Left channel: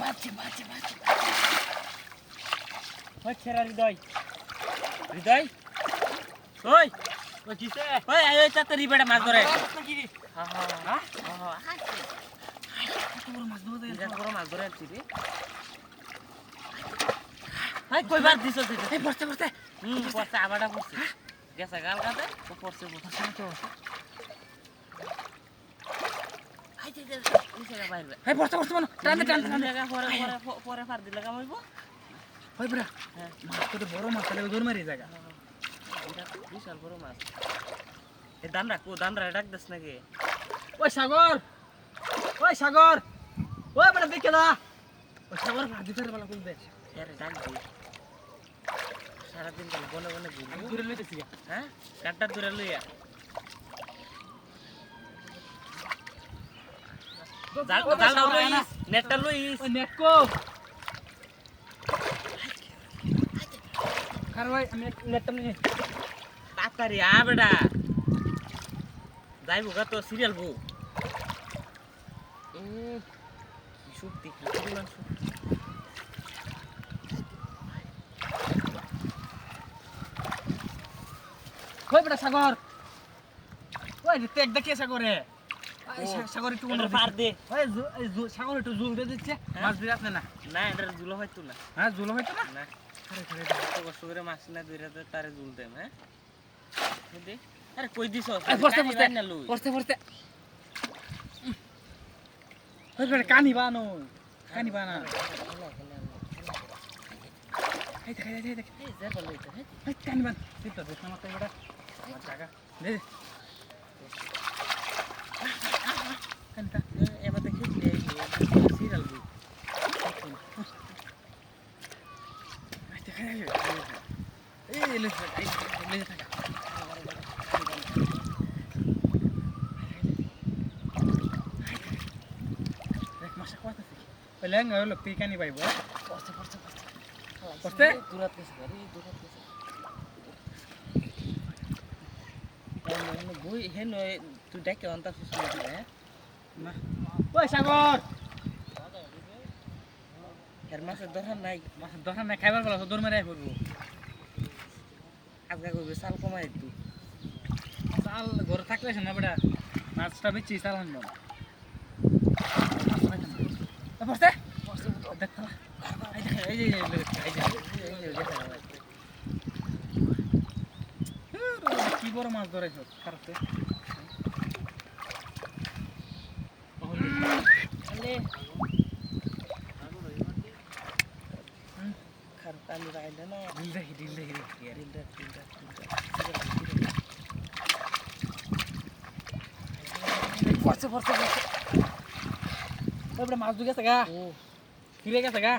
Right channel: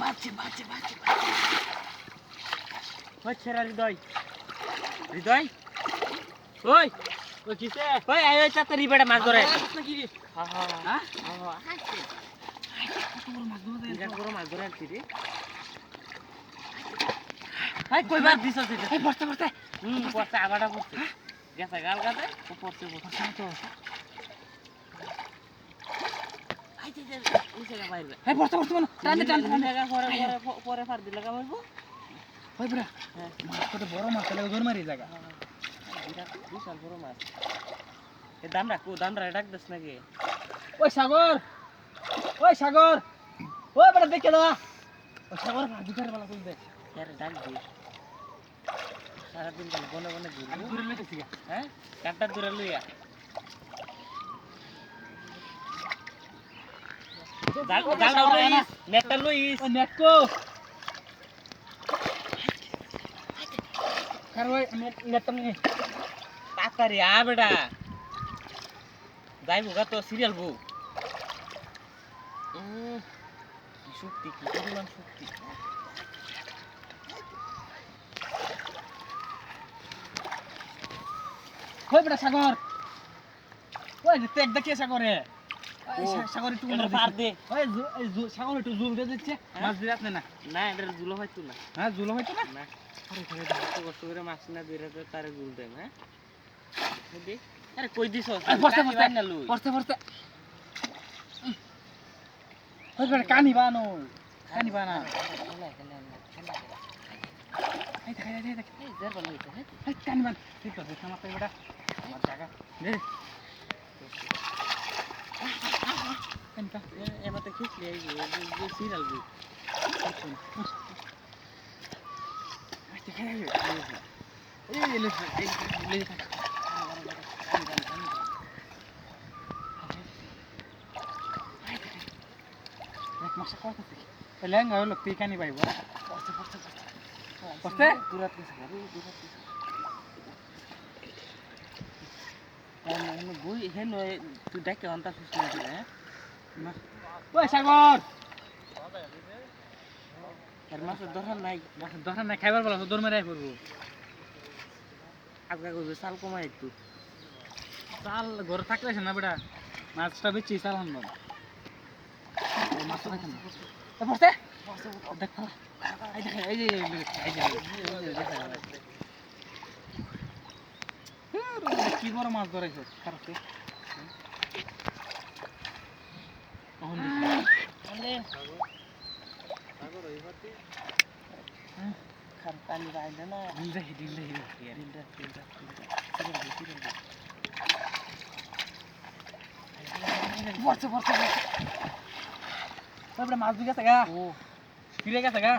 বাঁচছে বাঁচছে বাঁচছে হচ্ছে রে হৃদয় হৃদয় ওই ওই কিসে ওই এই তাড়াতাড়ি বেটা মাছ ধরে নাকি হ্যাঁ হ্যাঁ হ্যাঁ মাছ ধরে আনছি রে হাই কইবার দিছস এটা এই পড়তে পড়তে পড়তে আবাটা পড়ছে গেছে গাল গাতে ও পড়ছে পড়ছে তো হাই দে এই জায়গা বাইরে হাই পড়তে পড়তে মন টান টান জায়গা পরে পরে পরে ফার দিলা কামাইবো ওই বড়া হ্যাঁ মাছ কত বড় মাছ তাহলে জোর মারি জায়গা এটা বিশাল বড় মাছ এই দামরা ডাক দেস নাকি ওই সাগর ওই বড় দেখে দা ওই সাগর দুটার বেলা কই দেখ আরে ডাক দে সারা দিন কাল গনে গনে ঘুরি আমি দূরে লইতেছি হ্যাঁ কাটটা দূরে লইয়া জাল লইস নেটটা লইস নেট কো কার ওই নেটটা নি তাড়াতাড়ি আ বেটা যাইবো গা তো সিরিয়াল বউ কি শক্তি কি পরিমাণ শক্তি কই বেটা সাগর ওই যে দেখ কে সাগরে সাগর একটু পার দে ওই সাগর একটু জুল দে দিচ্ছে মাছ ধরে আপনি না না এটা জুলো হইতো না হ্যাঁ জুলো হইতো না না আরে ঘরে তো কষ্ট করে মাছ না ধরে তারে জুল দেম হ্যাঁ দে আরে কই দিছস পড়তে পড়তে ওই বেটা কানি বানো না এই দেখ এই যা বল লইতে এই কানি বান ঠিক তো দেখ মাথা বেটা আমার জায়গা দে কানটা এবার দেখি এই সিরিয়াল বই এই দেখ এই লে মাসা কত থেকে পেলেন হলো পিকানি পাইবো পড়তে দূরাত গেছে দূরাত গেছে আমি বই হেন তুই দেখে অন্তা সুস্থ হয়ে হ্যাঁ না ওই সাগর এর মাছের দরকার নাই খাইবার বলা দর মেরে পড়বো আজকে কইবে চাল কমাই একটু চাল ঘরে থাকলে না বেটা মাছটা বেচি চাল আনবো পড়তে দেখ এই যে কি বড় মাছ ধরেছে খারাপে পানি বাইলে না ঢিলটা পড়ছে মাছ ঢুকে গেছে গা ও ফিরে গেছে গা